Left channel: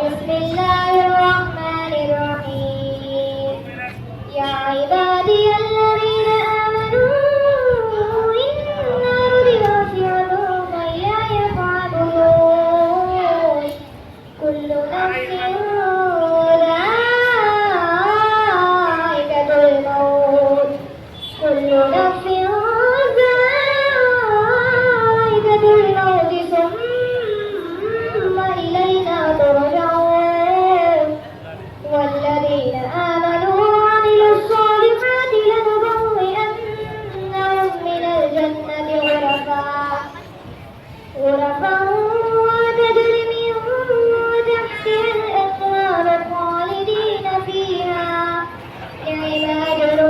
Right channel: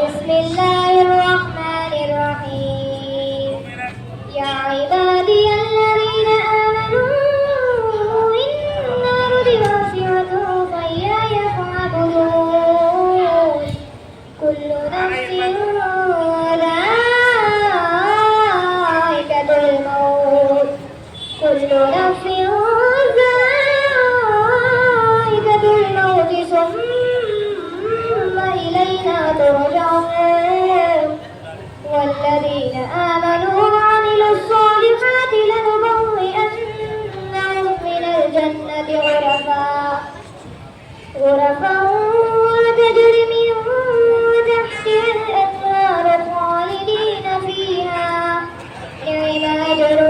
बिस्मिल्लाहिर्रहमानिर्रहीम या इबादियल्लज़ीन आमनू इन्ना अर्दी वासिअतुन फइय्याय फ़अबुदून कुल्लु नफ्सिन ज़ाइक़ातुल मौत कुल्लु नफ्सिन ज़ाइक़ातुल मौत सुम्मा इलैना तुरजऊन वल्लज़ीन आमनू वअमिलुस सालिहाति लनुबव्वि'annahum मिनल जन्नति غرفا تجري من تحتها الأنهار خالدين فيها نعم أجر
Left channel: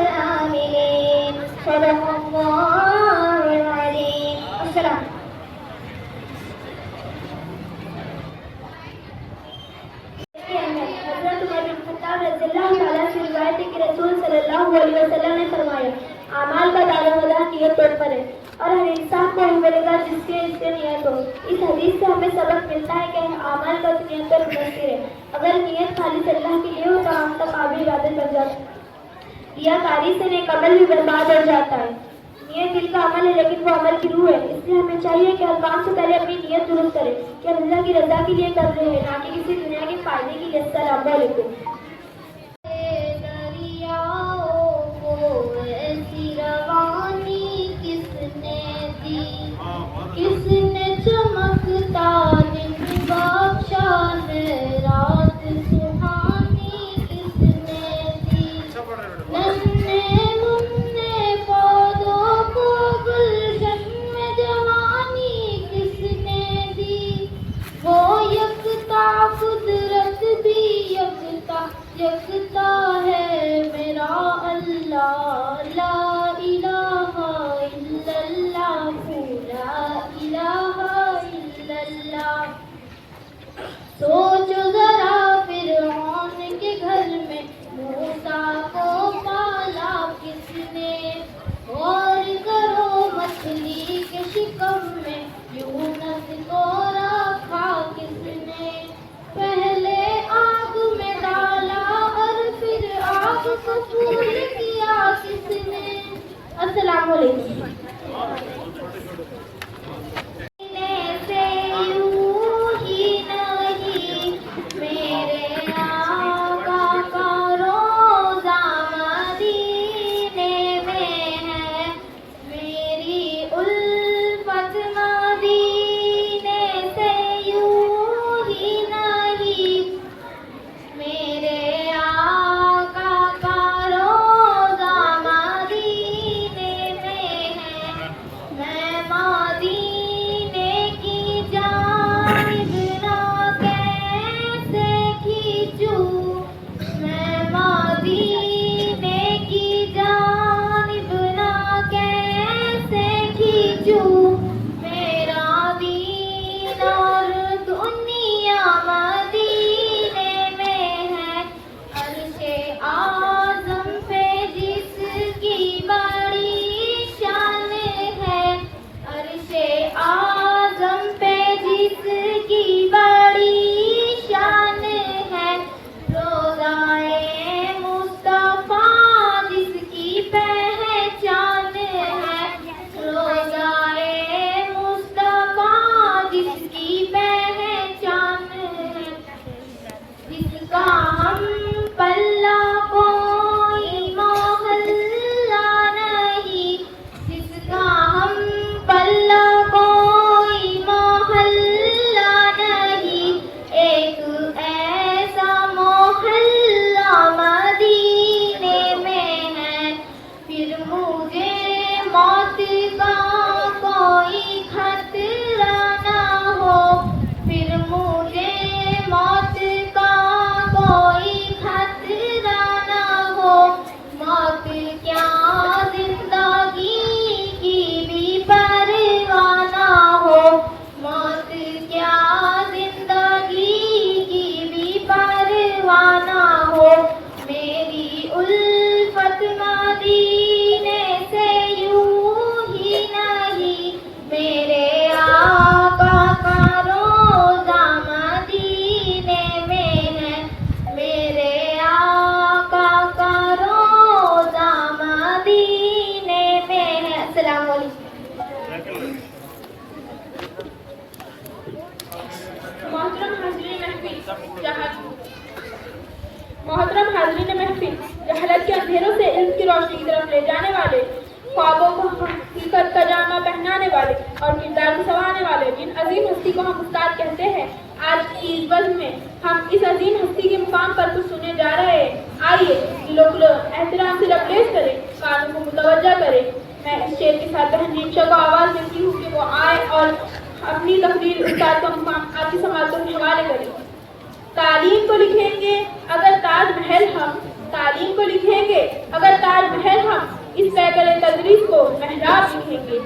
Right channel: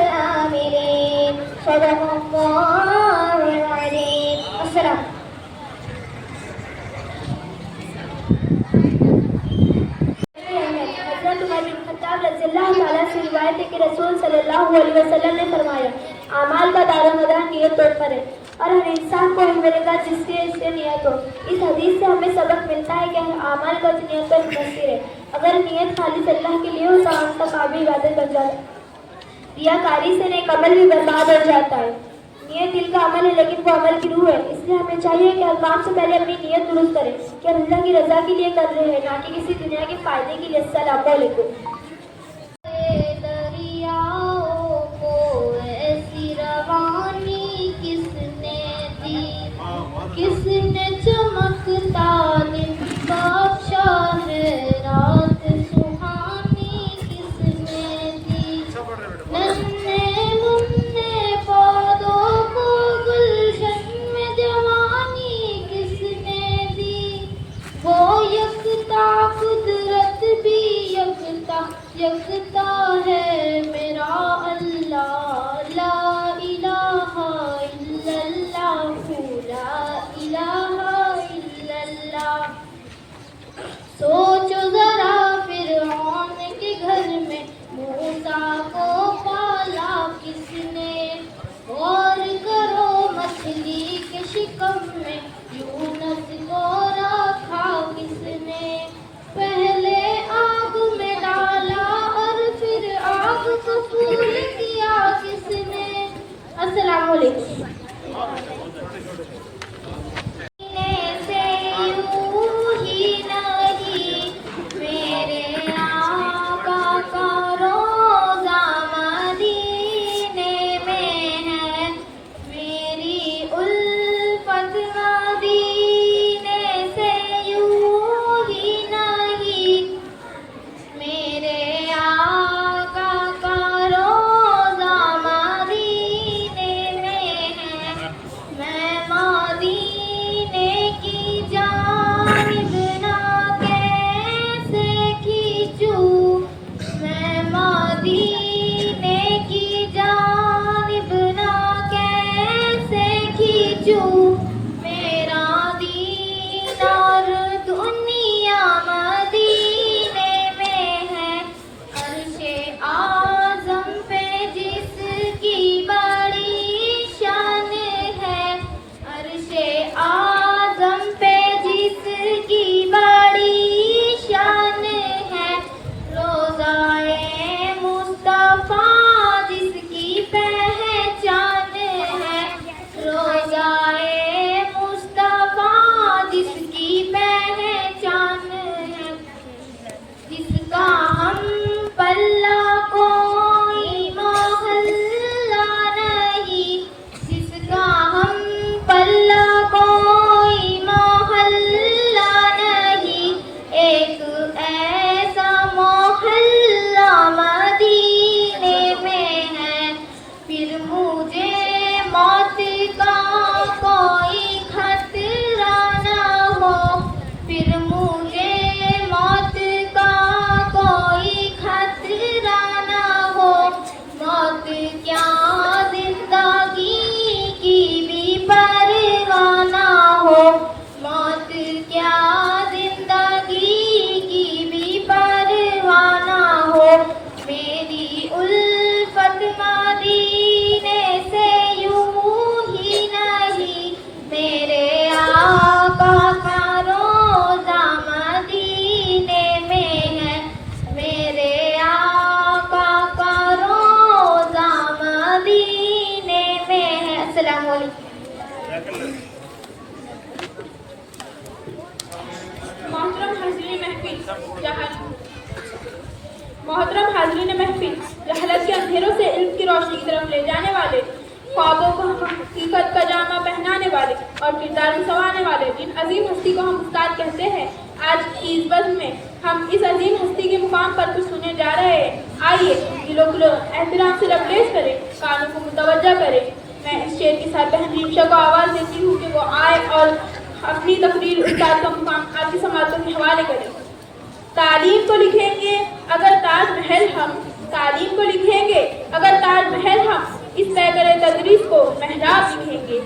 العاملين صدق الله العظيم السلام हज़रत उमर बिन खत्ताब रज़ियल्लाहु ताला से रिवायत है कि रसूल सल्लल्लाहु अलैहि वसल्लम ने फरमाया आमाल का दारोमदार नियत पर है और हर इंसान को मिलेगा जिसके इससे नियत हो। इस हदीस से हमें सबक मिलता है कि आमाल का नियत पर मुनस्सिर है। अगर नियत खालिस अल्लाह के लिए हो तो आम का काम भी इबादत बन जाता है। रियाकारी से नेक अमल भी बर्बाद हो जाता है। नियत दिल का अमल है लेकिन वो अमल की रूह है, इसलिए हमें चाहिए कि हर काम से पहले अपनी नियत दुरुस्त करें कि हम अल्लाह की रजा के लिए कर रहे हैं, ना कि किसी दुनिया के फायदे के लिए। अस्सलाम वालेकुम। किसने चमकता दिन बादशा है रात सुहानी किसने दी नन्हे मुन्ने पौधों को गुलशन में जवानी किसने दी वो यकता कुदरत भी यकता है मेरा अल्लाह ला इलाहा इल्लल्लाह ला इलाहा मोहतरम हाज़रीन महफिल, जहलत के अंधेरों से इल्म की रोशनी की तरफ ले जाने वाले, ख्वाबों को हकीकत का जामा पहनाने वाले और किरदार को संवारने वाले जिन अजीम हस्ती को हम उस्ताद कहते हैं, आज की इस बज़्म में हम इस अजीम हस्ती के मुकाम पर कुछ सुनने जा रहे हैं। आइए दिलो दिलो एहतराम से लबरेज करें, कानों को मुतवज्जा करें। मैं इस शेर के साथ बहन रीमशा को आवाज़ देती हूँ कि वो आए और अपनी तकरीर उस्ताद का मुकाम आपकी समातों के हवाले करें। तालीम को लिखेंगे अगर ताजमहल हम, तालीम को लिखेंगे अगर ताजमहल हम, इस पैकर तदरीस को महराब लिखेंगे।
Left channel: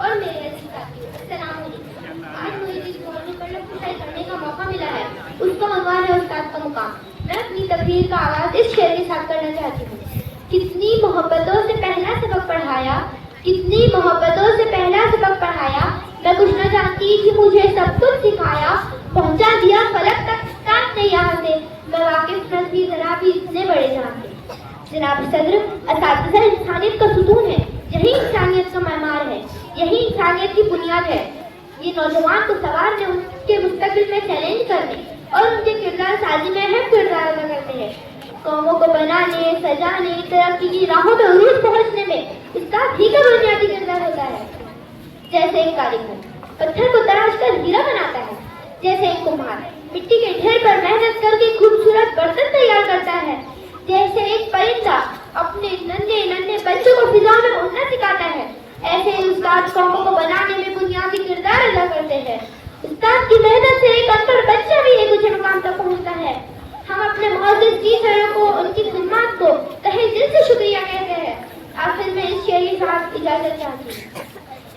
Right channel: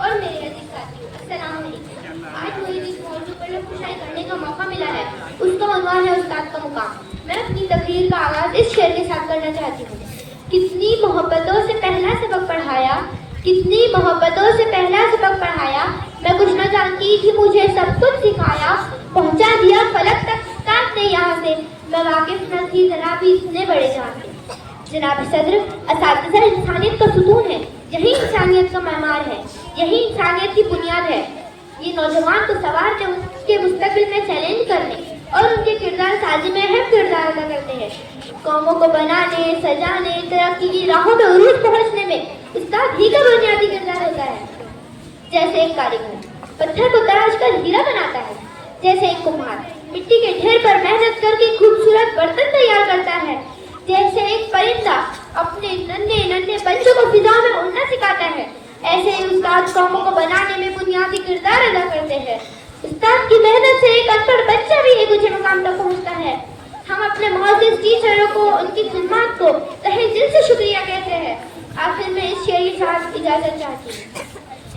और मेरे अजीज साथियों, अस्सलाम वालेकुम। आज मुझे जिस मौजू पर गुफ्तगू करने का मौका मिला है उसका उन्वान है उस्ताद का मुकाम। मैं अपनी तकरीर का आगाज इस शेर के साथ करना चाहती हूँ। कितनी मोहब्बतों से पहला सबक पढ़ाया, कितनी मोहब्बतों से पहला सबक पढ़ाया, मैं कुछ न जानती थी मुझे सब कुछ सिखाया, पहुँचा दिया फलक तक उस्ताद ने यहाँ से, मैं वाकिफ न थी जरा भी इतने बड़े जान से। जनाब सदर, असातिज़ा इंसानियत का सुतून है, यही इंसानियत का मैमार है, यही इंसानियत की बुनियाद है। ये नौजवान को सवारने, उसके मुस्तकबिल में चैलेंज करने और उनके किरदार साजी में अहम किरदार अदा करते हैं। कौमों को बनाने, सजाने, तरक्की की राहों में उरूज पहुंचने में उस्ताद ही का बुनियादी किरदार होता है। जैसे एक कारीगर पत्थर को तराश कर हीरा बनाता है, जैसे एक कुम्हार मिट्टी के ढेर पर मेहनत करके खूबसूरत बर्तन तैयार करता है, जैसे एक परिंदा अपने नन्हे नन्हे बच्चों को फिजा में उड़ना सिखाता है, ऐसे ही उस्ताद कौमों को बनाने में बुनियादी किरदार अदा करते हैं। उस्ताद की मेहनत से एक अनपढ़ बच्चा भी एक ऊंचे मुकाम तक पहुंचता है। हम अपने मुअज़्ज़िज़ टीचरों को, उनकी खिदमत को तहे दिल से शुक्रिया कहते हैं। आखिर में इस शेर के साथ इजाजत चाहती हूँ।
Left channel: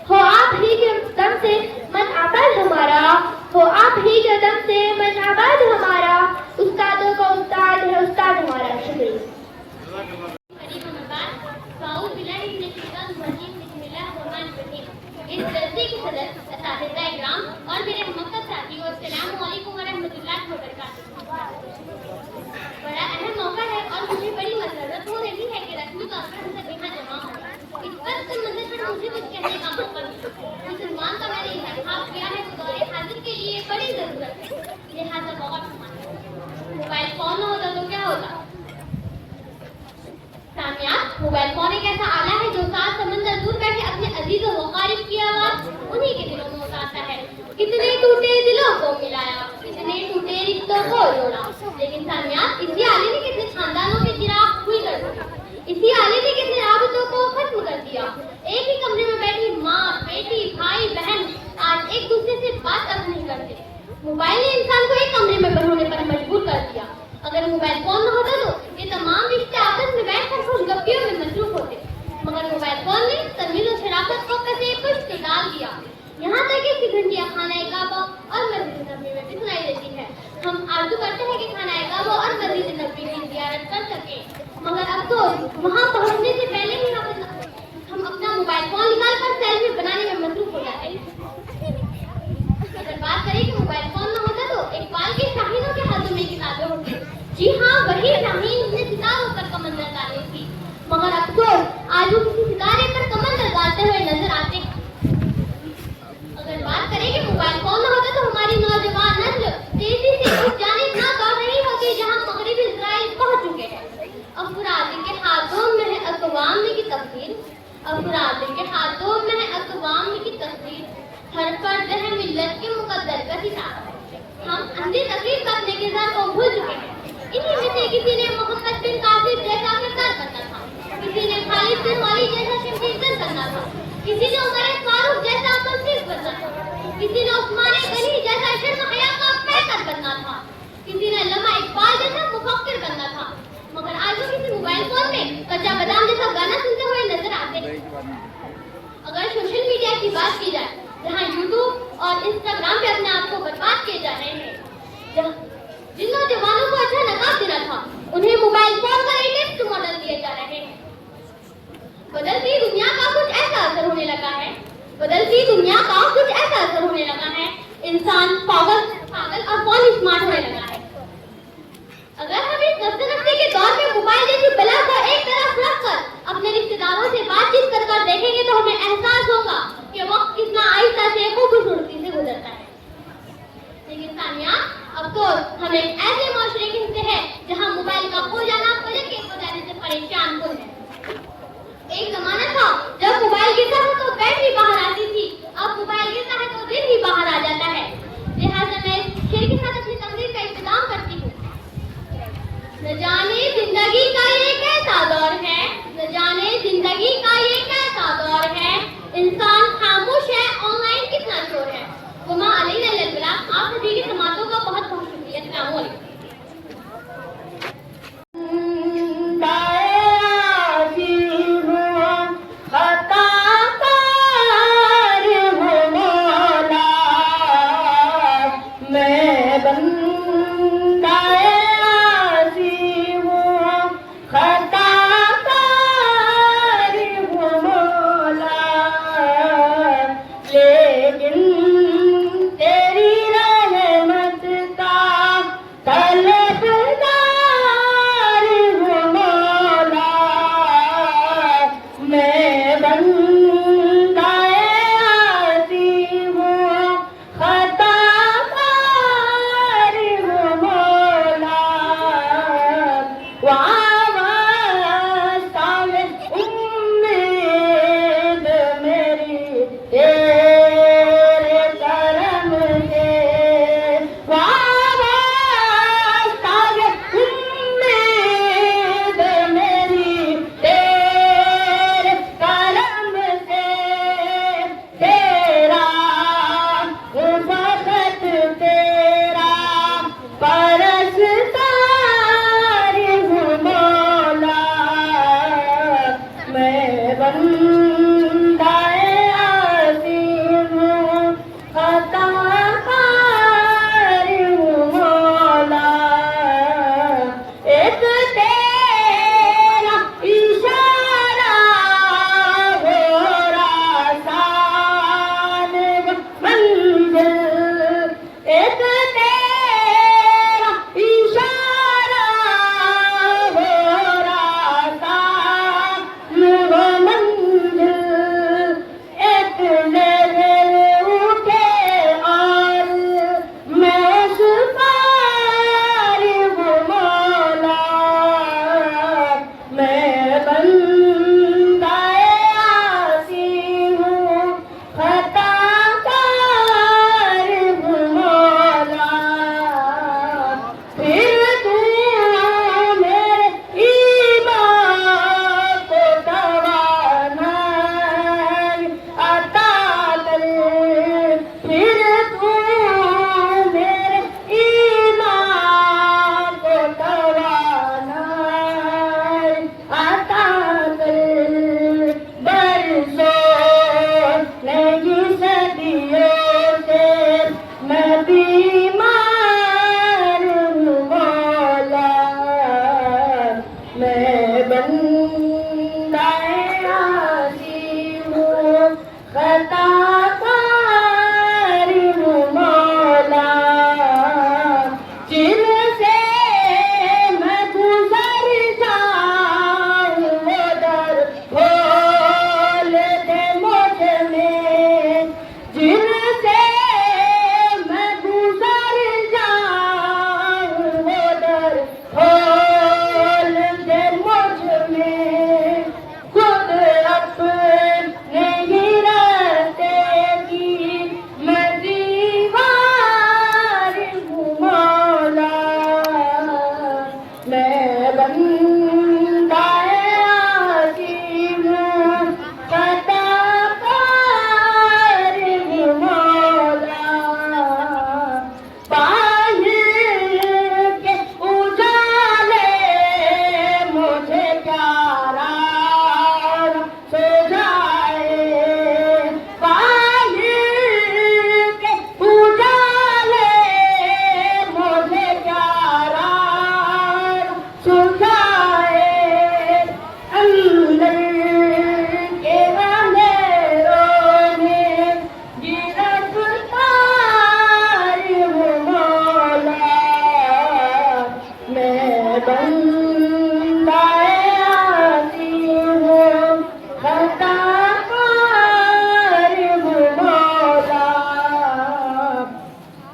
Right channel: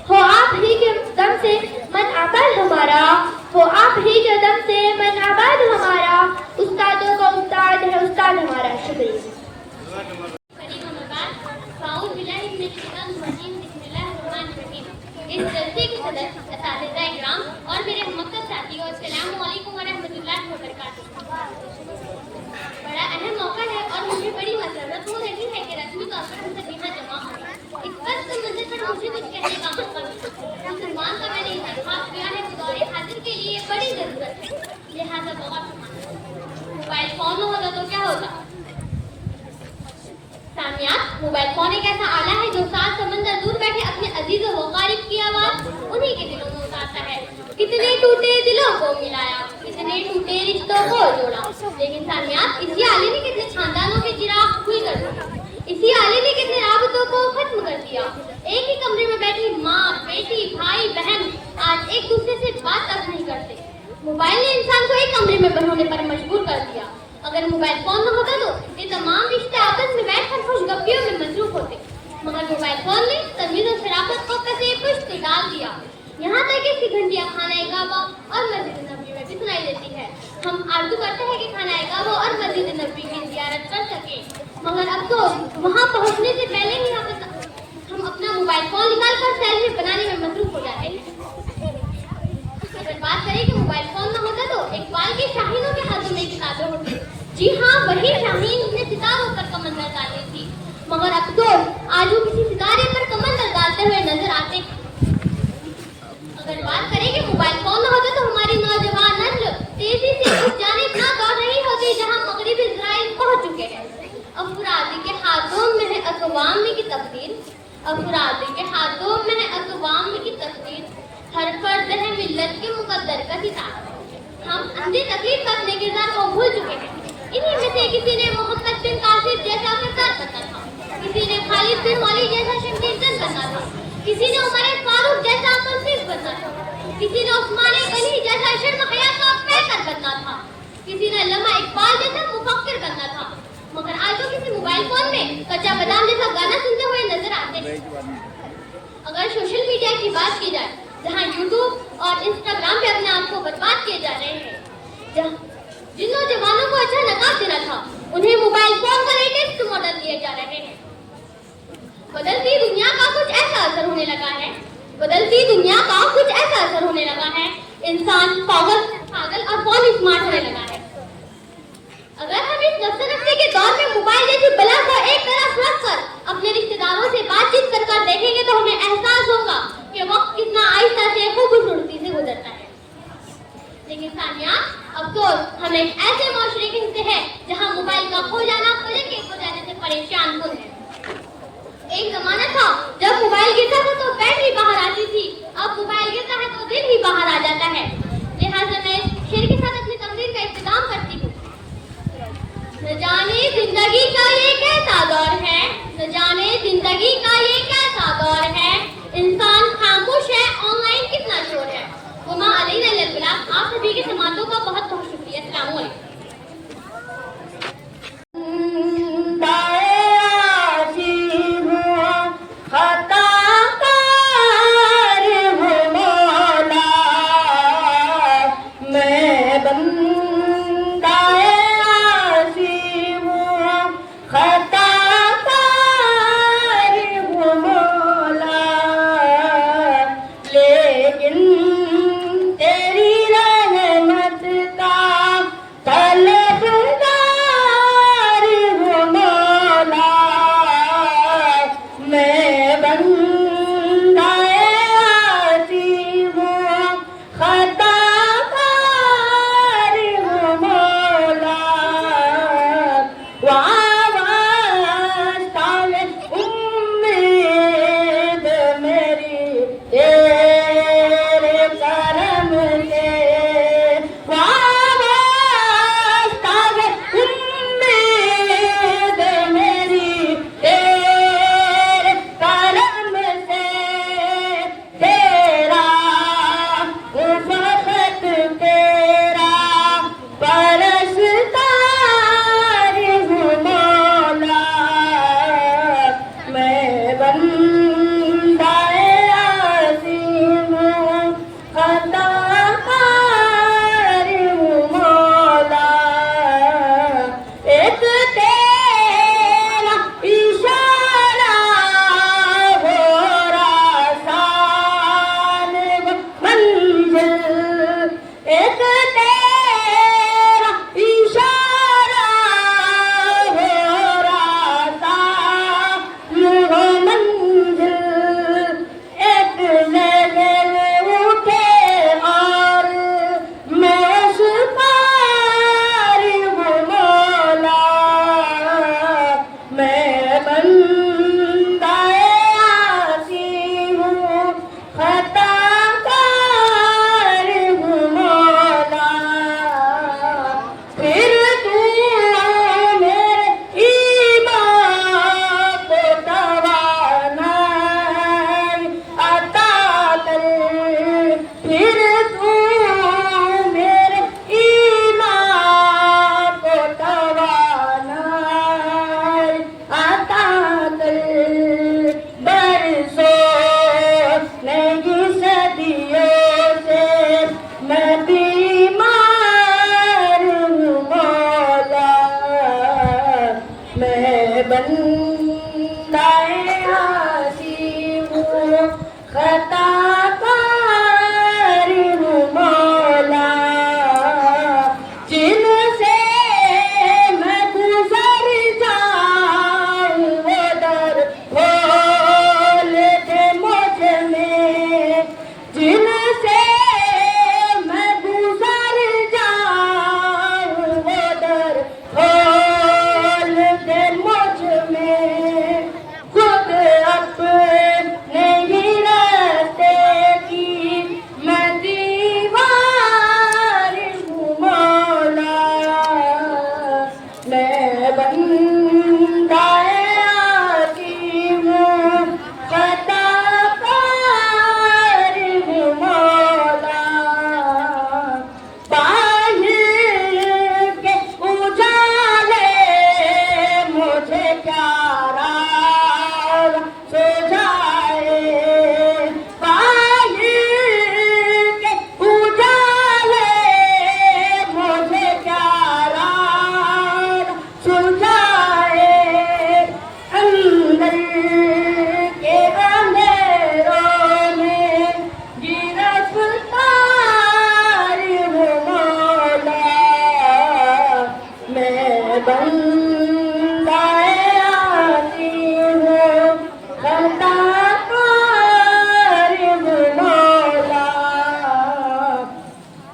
हो आप ही के दम से मन आबाद हमारा, हो आप ही के दम से मन आबाद हमारा, उस्तादों का उस्ताद है उस्ताद हमारा। शुक्रिया। इस जलसे के सदर असातिज़ा इकराम और मेरे मुक़द्दस साथियों, अस्सलामु अलैकुम व रहमतुल्लाहि व बरकातुहू। बड़ा अहम मौका है और मुझे बड़ी मसरत हो रही है कि रस्मी तौर पर हम सभी में जमा हो। इस वक्त मुझे पर मुझे कुछ कहने का मौका मिला। मुसलमान का मैंने इंतखाब किया है तो दौरे हाजिर के लिए बड़ी ज़रूरत है, लिहाजा बहुत। मोबाइल फ़ोन होता तो क्या होता? सामियात, मोबाइल फ़ोन एक ऐसा आला है जो सात समंदर दूर बैठे अपने अजीज़ व क़रीब की आवाज़ उन्हीं के दिलों में उतारता है। कितने टूटे दिलों को मिलाया, कितने टूटे रिश्तों को जोड़ा। लेकिन सामियात, इसी आले ने कितने खानदानों के चिराग खुल कर दिया, इसी आले ने कितने राबतों को खत्म कर दिया। एक ही कमरे में बैठी माँ, बेटी, भाई, बहन आज एक दूसरे से बात तक नहीं करते। मोबाइल ने इंसान को एक कमरे में बंद होने पर मजबूर कर दिया। अगर मोबाइल फोन न होता तो ये तमाम रिश्ते आपस में बैठकर खुशगपियों में मसरूफ होते, मगर मोबाइल फोन ने तमीज़ और शराफत को कसे पुष्ट डाल दिया। यहाँ तक कि घंटियाँ खाना काबा और मस्जिद नबी में भी सुनाई देती है। हम आरज़ू करते हैं कि खाना काबा और मस्जिद नबी की ज़ियारत कर सके, मगर अब तो वहाँ पहुँचने से पहले ही हम अपना मोबाइल फोन निकाल कर सेल्फी बनाने में मसरूफ हो जाते हैं। अगर बात करें कि मोबाइल फोन न होता तो इकबाल के शाहीनों के हाथों में किताबें होती। जी हाँ, वही शाहीन ने सितारों पर कमंदर डाली थी, मगर अब तो आज वो किसी सितारे पर कमंदर डालते हुए नजर आते। अगर बात करें कि मोबाइल फोन न होता तो हमारी नौजवान नस्ल तेजी से उस जानिब ना दौड़ रही होती जहाँ मगरिबी इजराइल पहुंच चुके हैं। अफराद के हाथों में है अक़वाम की तकदीर, अफराद के हाथों में है अक़वाम की तकदीर, हर फर्द है मिल्लत के मुकद्दर का सितारा। हम अंधी तकलीफ का अपने किरदार को भूल चुके हैं। इन्हीं में से किसी ने मोहम्मद बिन कासिम जैसा किरदार करना था, किसी ने खालिद बिन वलीद जैसा शमशीर करना था, किसी ने उमर फारूक जैसा मंसिब बनना था, किसी ने उस्मान गनी जैसा शर्म हया का पैकर बनना था, किसी ने अल्लामा इकबाल जैसा मुफक्किर बनना था, मगर आज वो किसी मोबाइल फोन में कच्चा बादाम जैसा गाना सुनते हुए नजर आते हैं। अगर सोशल मीडिया की बात की जाए, जहाँ यूट्यूब और इंस्टाग्राम पे अपने आप को बर्बाद किए जा रहे हैं, जिन नौजवानों को अच्छा नकाब देना था, उन्हें मोबाइल फोन का लेटेस्ट मॉडल दिए जा रहे हैं। बदलती दुनिया का कुछ ऐसा असर होने लगा है, बदलती दुनिया का कुछ ऐसा असर होने लगा है, इंसान पागल और फोन स्मार्ट होने लगा है। अगर हम इस नफ्से के दौर में मोबाइल जैसी बला को एक तरफ रखकर अपने रिश्तेदारों से बातचीत कर देखेंगे तो हमें एहसास होगा कि वक्त कितना आहिस्ता से खूबसूरती से गुजरता है। लेकिन सानिया, अफसोस हम एक ऐसे माशरे के हिस्से हैं जहाँ मोबाइल का खो जाने से परेशान हो गए। एक जमाना था जब मोबाइल गिरता था तो बैटरी बाहर आती थी, अब मोबाइल गिरता है तो दिल ही बाहर आ जाता है। लिहाजा मैं शेर के साथ अपनी तकरीर का इख्तिताम करती हूँ। न जाने जिंदगी का ये कैसा दौर है, न जाने जिंदगी का ये कैसा दौर है, इंसान खामोश है, ऑनलाइन कितना शोर है। गुमा अलैहिस्सलाम, आप सभी की समातों का बहुत बहुत शुक्रिया। अस्सलाम वालेकुम।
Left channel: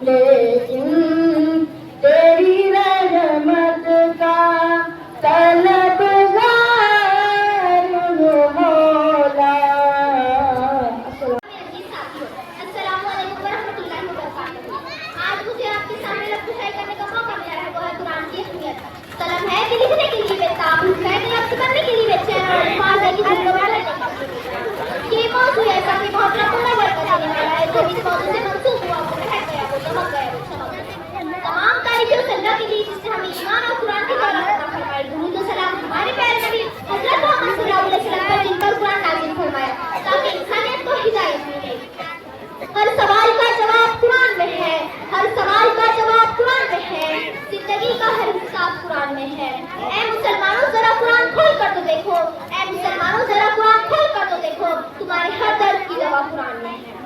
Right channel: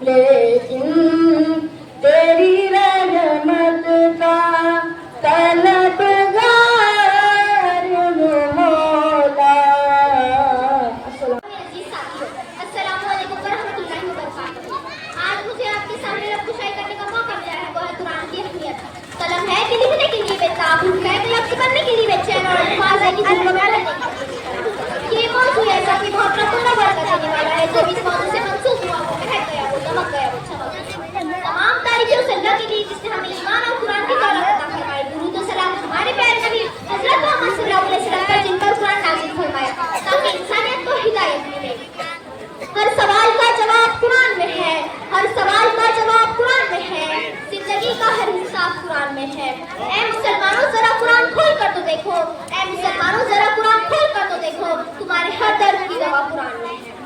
लेकिन तेरी रहमत का तलबगार हूँ मौला। जी साथियों, अस्सलाम वालेकुम वरहमतुल्लाहि वबरकातुहू। आज मुझे आपके सामने रफ्तार करने का मौका मिला है, वो है कुरान की अहमियत। कलम है कि लिखने के लिए बेताब, है कि लफ्ज़ बनने के लिए बेचैन और अल्फाज है कि जिनको पढ़ने के लिए। ये मौजूद ऐसा कि बहुत रखूंगा बरकत देने वाला है, जो इस मौजूद से मंसूब हुआ वो महक गया, वो दमक गया, वो छमक। तमाम तारीफ़ें उस अल्लाह के लिए जिसने हमें ईमान और कुरान की दौलत अता फरमाई। दुरूद और सलाम हमारे प्यारे नबी हज़रत मोहम्मद सल्लल्लाहु अलैहि वसल्लम पर, जिन पर कुरान नाज़िल फरमाया ताकि इंसानियत को हिदायत मिले। हर सवाल का जवाब कुरान में है, हर सवाल का जवाब कुरान में है, जिंदगी का हर हिसाब कुरान में है। ऐ मुसलमानों जरा कुरान खोल कर तो देखो, ऐ मुसलमानों जरा कुरान खोल कर तो देखो, तुम्हारे हर दर्द की दवा कुरान में है।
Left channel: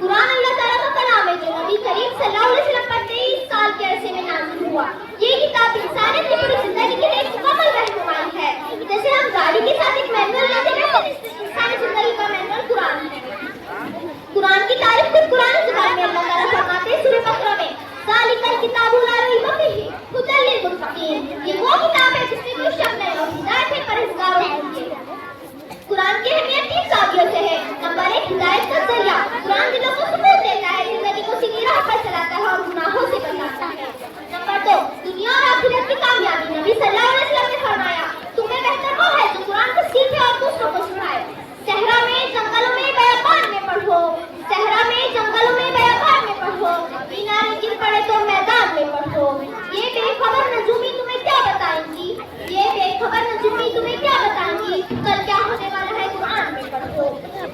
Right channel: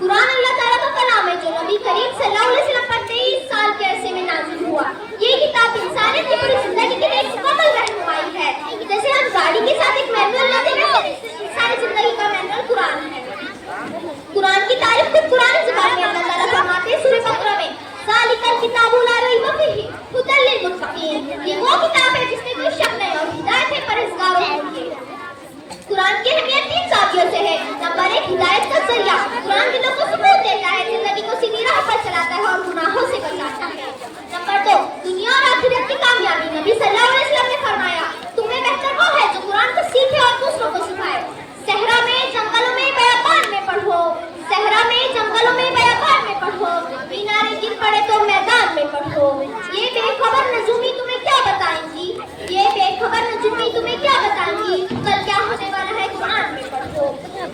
कुरान अल्लाह ताला का कलाम है जो नबी करीम सल्लल्लाहु अलैहि वसल्लम पर 23 साल के अरसे में नाज़िल हुआ। ये किताब इंसानियत की पूरी जिंदगी के लिए एक मुकम्मल रहनुमाई है। जैसे हम गाड़ी के साथ एक मैनुअल लेते हैं, वैसे इंसानी जिंदगी का मैनुअल कुरान है। कुरान की तारीफ खुद कुरान ज़ुबान में अल्लाह ताला फरमाते हैं सूरह बकरा में, ज़ालिकल किताबु ला रैब फीहि हुदल लिल मुत्तकीन। ये वो किताब है जिसमें कोई शक नहीं और हिदायत है परहेज़गारों के लिए। कुरान की अहमियत 3 साथियों से है। नंबर 1, हिदायत का जरिया। कुरान दिलों को सुकून देता है, जिंदगी को सीधी राह पर चलाता है और गुनाहों से बचाता है। नंबर 2, दुनिया और आखिरत की कामयाबी। नबी सल्लल्लाहु अलैहि वसल्लम ने फरमाया, तुम्हें बेहतर वो है जो कुरान को सीखे और दूसरों को सिखाए। सहरा में, जंगलों में, बयाबान में पढ़ो, सहरा में, जंगलों में, बयाबान में पढ़ो, मीनारे गिर पड़े तो मैदान में पढ़ो। ये बेखबर नजूमी तुम्हें क्या बताएंगी, ये बेखबर नजूमी तुम्हें क्या बताएंगी, कल क्या होने वाला है कुरान में पढ़ो।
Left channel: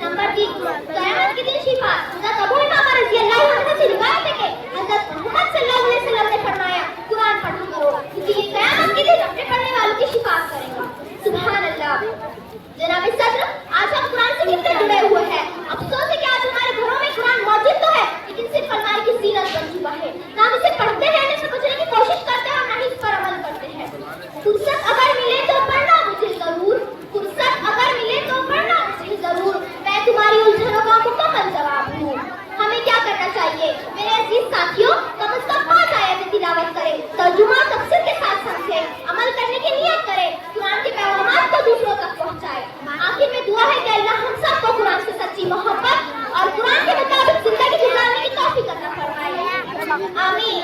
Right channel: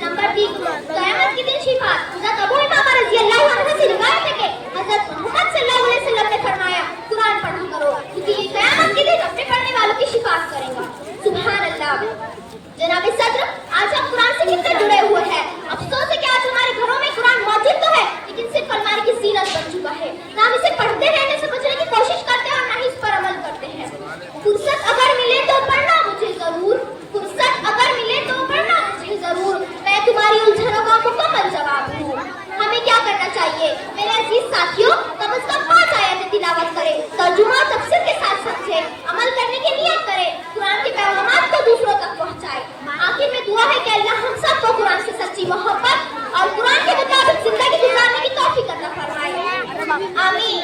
नंबर 3, क़यामत के दिन शिफात। हज़रत अबू उमामा रज़ियल्लाहु अन्हु से रिवायत है कि हज़रत मोहम्मद सल्लल्लाहु अलैहि वसल्लम ने फरमाया, कुरान पढ़ा करो क्योंकि ये क़यामत के दिन अपने पढ़ने वालों की शिफात करेगा। सुभान अल्लाह। जनाब सदर, आज हम कुरान से कितने जुड़े हुए हैं। अफसोस है कि आज हमारे घरों में कुरान मौजूद तो है, लेकिन सिर्फ अलमारी की जीनत बन चुका है। ना हम इसे पढ़ते हैं, न समझने की कोशिश करते हैं और न ही इस पर अमल करते हैं। फुर्सत अगर मिले तो पढ़ना मुझे जरूर, फुर्सत अगर मिले तो पढ़ना मुझे जरूर, मैं तुम्हारी उलझनों का मुकम्मल जवाब हूँ। हमें क्या करना चाहिए मेरे अजीज साथियों? कम से कम 5 आयतें तिलावत करें, तर्जुमा तफसीर के साथ समझें, अमल करने की नियत करें, कुरान के पैगाम को दूसरों तक पहुँचाएं। आखिर में दुआ है कि अल्लाह हम सबको कुरान से सच्ची मोहब्बत और कुरान के मुताबिक जिंदगी गुजारने की तौफीक अता फरमाए। आमीन।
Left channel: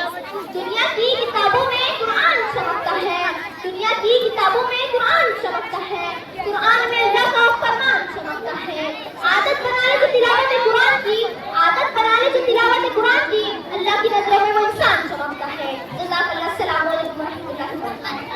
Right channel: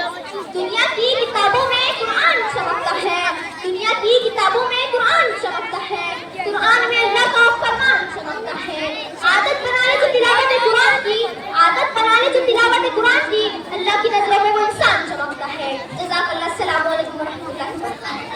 दुनिया की किताबों में कुरान चमकता है, दुनिया की किताबों में कुरान चमकता है, कुरान में अल्लाह का फरमान चमकता है। आदत बना ले जो तिलावत कुरान की, आदत बना ले जो तिलावत कुरान की, अल्लाह की नजरों में वो इंसान चमकता है। जज़ाकल्लाह। अस्सलामु अलैकुम वरहमतुल्लाहि वबरकातुहू।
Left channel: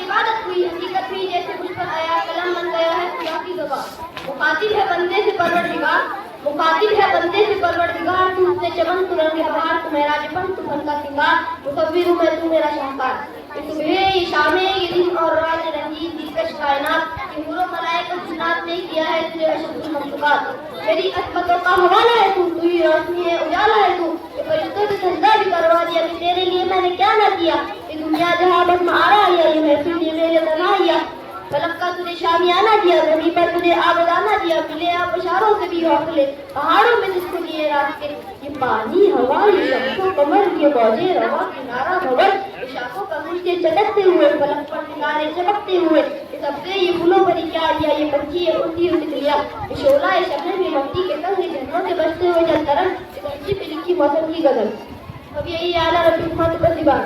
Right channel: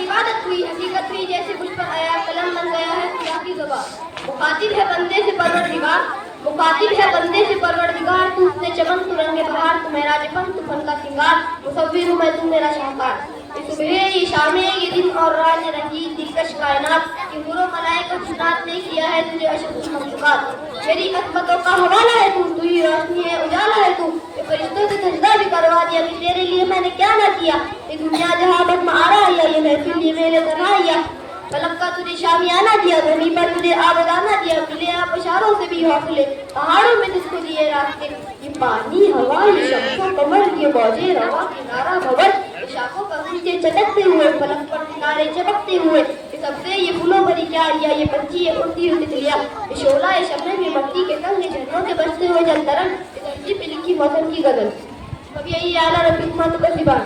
इबादत हुई, हकीकत हुई, जैसे कुछ पर आया, कलम बन गया है खुदा की ज़ुबान। मुखातिब है बंदे से परवरदिगार, मुखातिब है बंदे से परवरदिगार, तू उसने चमन, तू रंगे बहार, तू मेरा जपन, तू फन का सिंगार, मुसव्विर मैं, तू मेरा शाहकार। ये सुबह, ये शामें, ये दिन और रात, ये रंगीन दिलकश कायनात, ये हुर्र मलाइका जिन्नात ने किया है तुझे अशद मखलूक़ात। मेरी अज़मतों का हवाला है तू, तू ही रोशनी है, उजाला है तू। ये फरिश्तों से सजदा भी करवा दिया कि तेरे लिए मैंने क्या ना किया। ये दुनिया जहाँ बस महारा या ये महफिल ये मेरे तरह फलक का तुझे शामियाना दिया, ज़मीन पर तुझे आबदाना दिया, मिले आप इशारों से भी हौसले, पहाड़ों में जिसको दिए रास्ते। ये पानी, हवा, ये शम्सो कमर, ये मौजे रवा, किनारा भवन, शाखों पर नीचे चटकते हुए, फलक पर सितारे चमकते हुए, ये सबसे, ये फूलों भरी क्यारियां, ये पंछी, ये उड़ती हुई तितलियां, ये शोला, ये शबनम, ये मट्टी के तंग, ये झरनों के बजते हुए जलतरंग, ये धरती पे लिखी मौसम की गजल। अब यही आला रब्बी उम्मत का सिवान।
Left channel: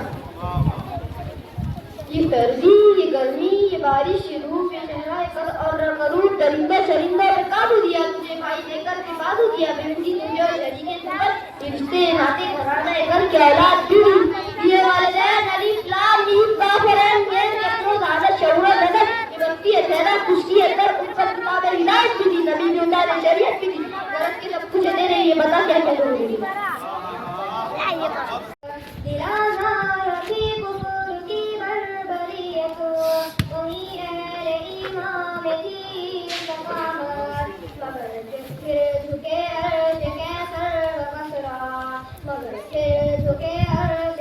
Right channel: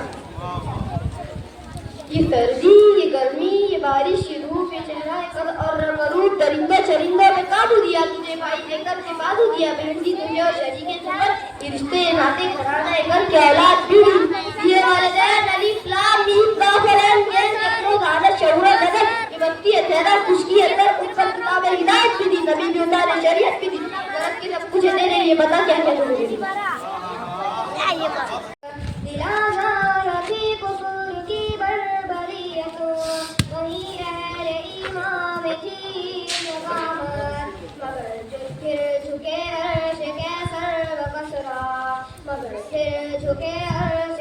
ये सर्दी, ये गर्मी, ये बारिश, ये धूप, ये चेहरा, ये कद और रंगरूप, दरिंदा चरिंदा पे काबू दिया तुझे, भाई देकर के बाजू दिया, बहनती तुझे और शरीके तुझे, ये रिश्ते, नाते, घराना, ये घर के औलाद, पीढ़ी, ये वालिदैन, अलीफ, लाम, मीम, काफ, रैन, गैन, यकरो, दादा, शहुरा, नजर, ये वक्ती है, तेरा, खुशकी है, तर, उत्तर, किताब, हिदायत भी दी, नबी भी उतारे, शरीयत भी दी, गलत की सब कुछ है तेरे लिए, बता क्या क्या तुम्हें मिली। झुके अर्श के सर व कसरा, मगर फिर झुके अर्श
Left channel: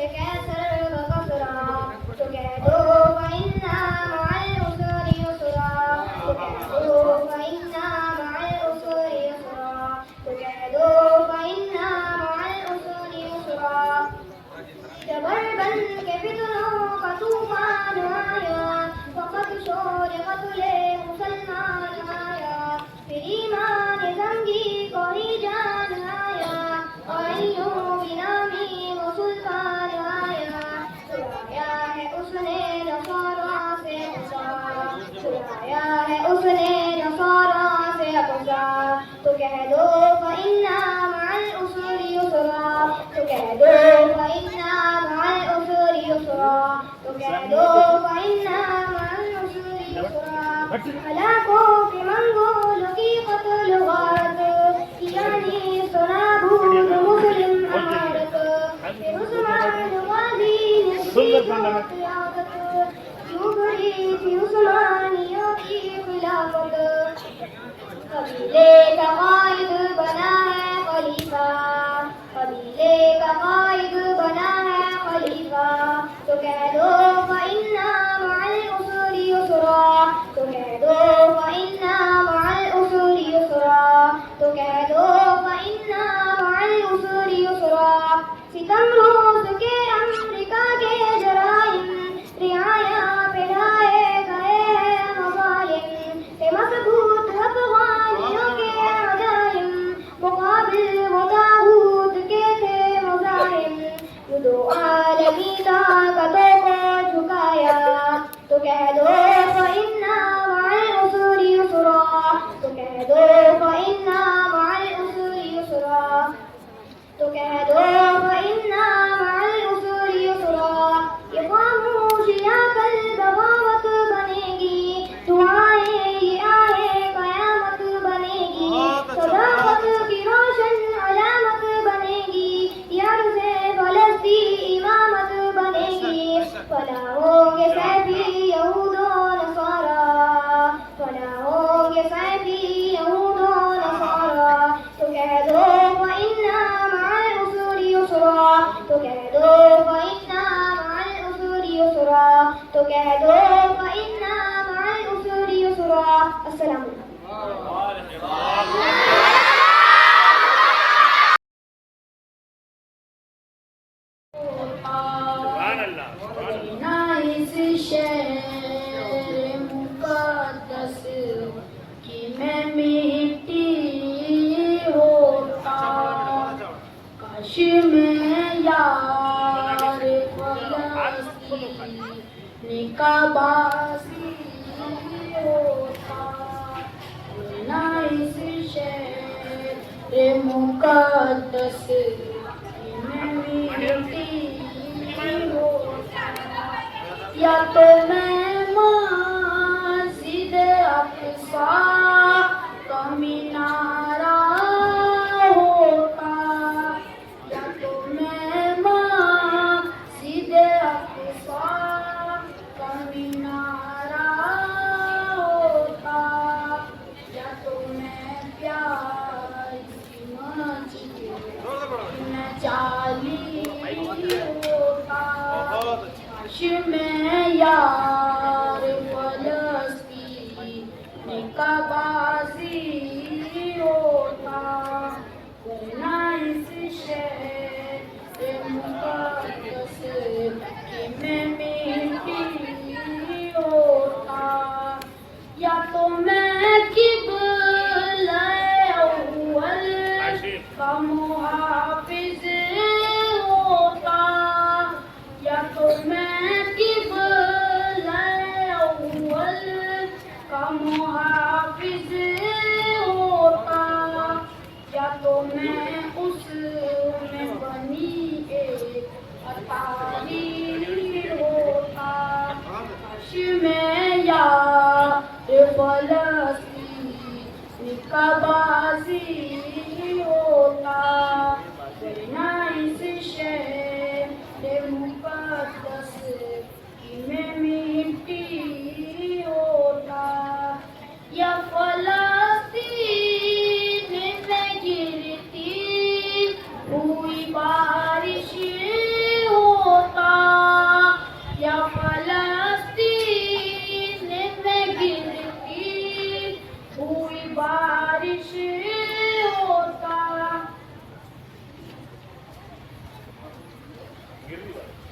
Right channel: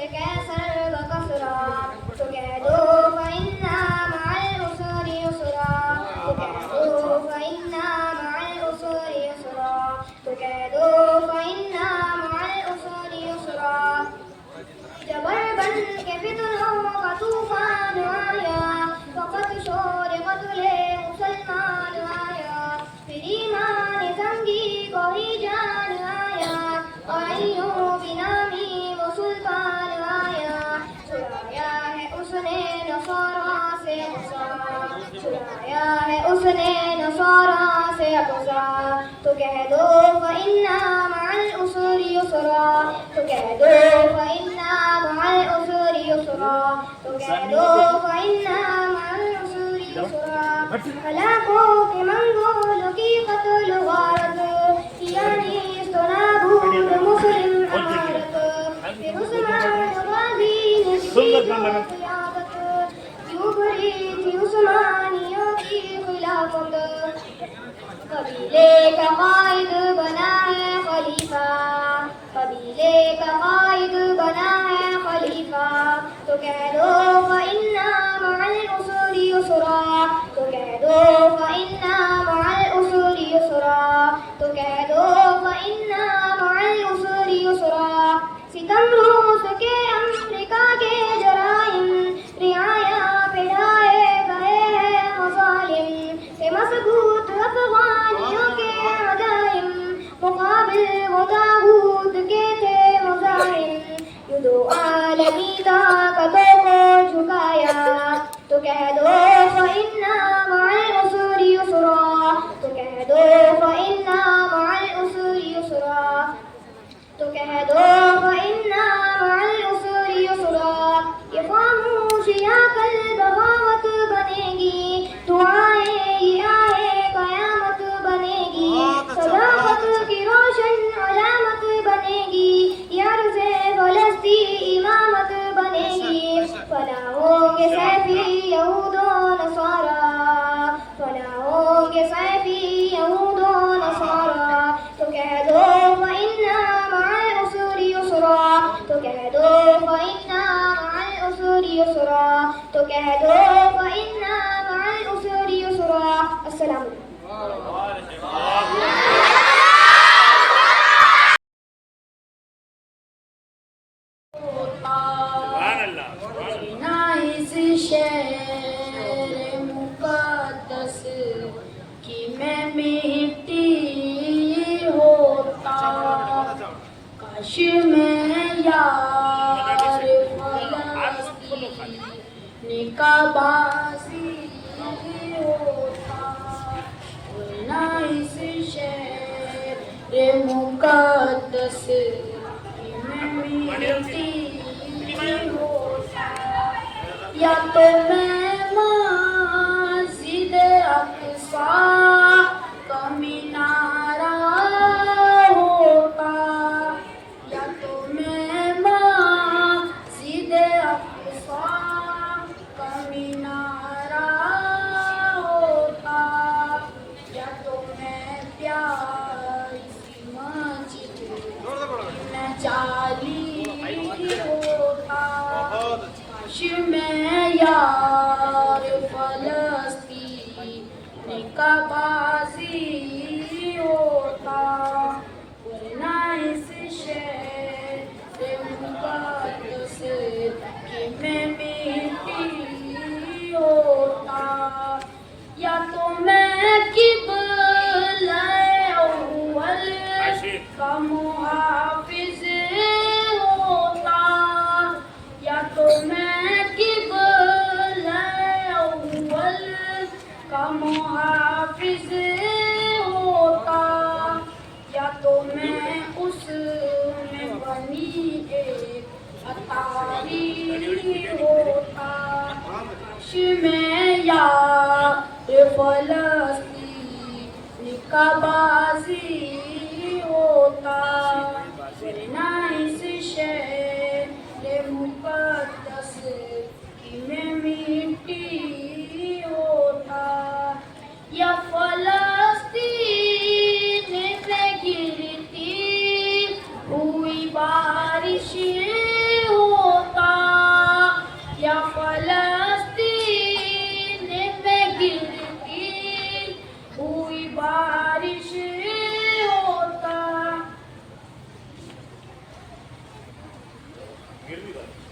ईमान आया, वक़्त शोर कत्ले मुसलमान आया, फिर ईमान जंगी कोई जान आया, आइयों बिनामी वो सुल्तान आया, छुड़ाया है उसने नसारा से गुज़ा, छुड़ाया है उसने नसारा से गुज़ा, तो कह दो फ़इन्ना मअल उसरि युसरा, तो कह दो फ़इन्ना मअल उसरि युसरा, तो कह दो फ़इन्ना मअल उसरि युसरा। हलाकों के मंगोलों की क़त्ल गारत, यानी सुनाबूद मुस्लिम अमारत, फिर उस्मान गाज़ी ने की क़यादत, क्यों भरी थी उस्मानियों की खिलाफत। कबीले का कायद बना है खलीफा, कबीले का कायद बना है खलीफा, तो कह दो फ़इन्ना मअल उसरि युसरा, तो कह दो फ़इन्ना मअल उसरि युसरा, तो कह दो फ़इन्ना मअल उसरि युसरा। सितम रूस के अमेरिका के जराइम, रियाया पे ढाए गए हैं मज़ालिम, से मज़बूत अफ़गानियों के अज़ाइम, मुक़ाबिल वो ताग़ूत के थे मुज़ाहिम, यूं दो आलमी ताक़तों को झुकाया, तो कह दो फ़इन्ना मअल उसरि युसरा, तो कह दो फ़इन्ना मअल उसरि युसरा, तो कह दो फ़इन्ना मअल उसरि युसरा। ये ख़ामोशियाँ कल बगावत बनेगी, दुआएं ये आए क़यामत बनेगी, सदाक़त की रोशन अलामत बनेगी, यर्ज़े फ़लस्ती इमामत बनेगी, फना होंगे सैफी यहूदो नसारा, फना होंगे सैफी यहूदो नसारा, तो कह दो फ़इन्ना मअल उसरि युसरा, तो कह दो फ़इन्ना मअल उसरि युसरा, तो कह दो फ़इन्ना मअल उसरि युसरा। अस्सलाम इस शहर मुक़द्दस की मैं मिट्टी होता, काश मैं यार फ़लस्तीन का बासी होता, वरना इस शहर मुक़द्दस की मैं मिट्टी होता, या तो मैं मस्जिद अक़सा का मीनारा होता, या तो मैं मस्जिद अक़सा का मीनारा होता, या तो मैं प्यारी सी मस्जिद में जाली होता, काश मैं यार फ़लस्तीन का बाज़ी होता, वरना इस शहर मुक़द्दस की मैं मिट्टी होता, या तो मैं क़िबला-ए अव्वल का मुहाफ़िज़ होता, या तो मैं क़िबला-ए अव्वल का मुहाफ़िज़ होता, या तो मैं उसमें बनी एक अतारी होता, काश मैं यार फ़लस्तीन का बाज़ी होता, वरना इस शहर मुक़द्दस की मैं मिट्टी होता, या फ़लस्तीन में गिरती हुई बारिश होता, या फ़लस्तीन में गिरती हुई बारिश होता,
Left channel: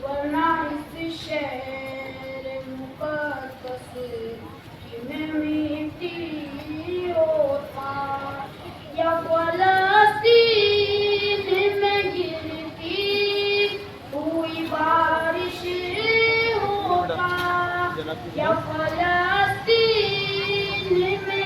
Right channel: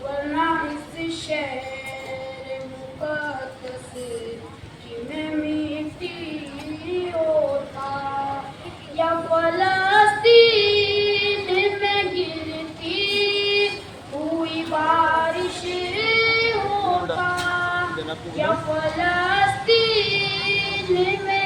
वरना इस शहर फलस्तीन में गिरती हुई बारिश होगा, क्या फलस्तीन में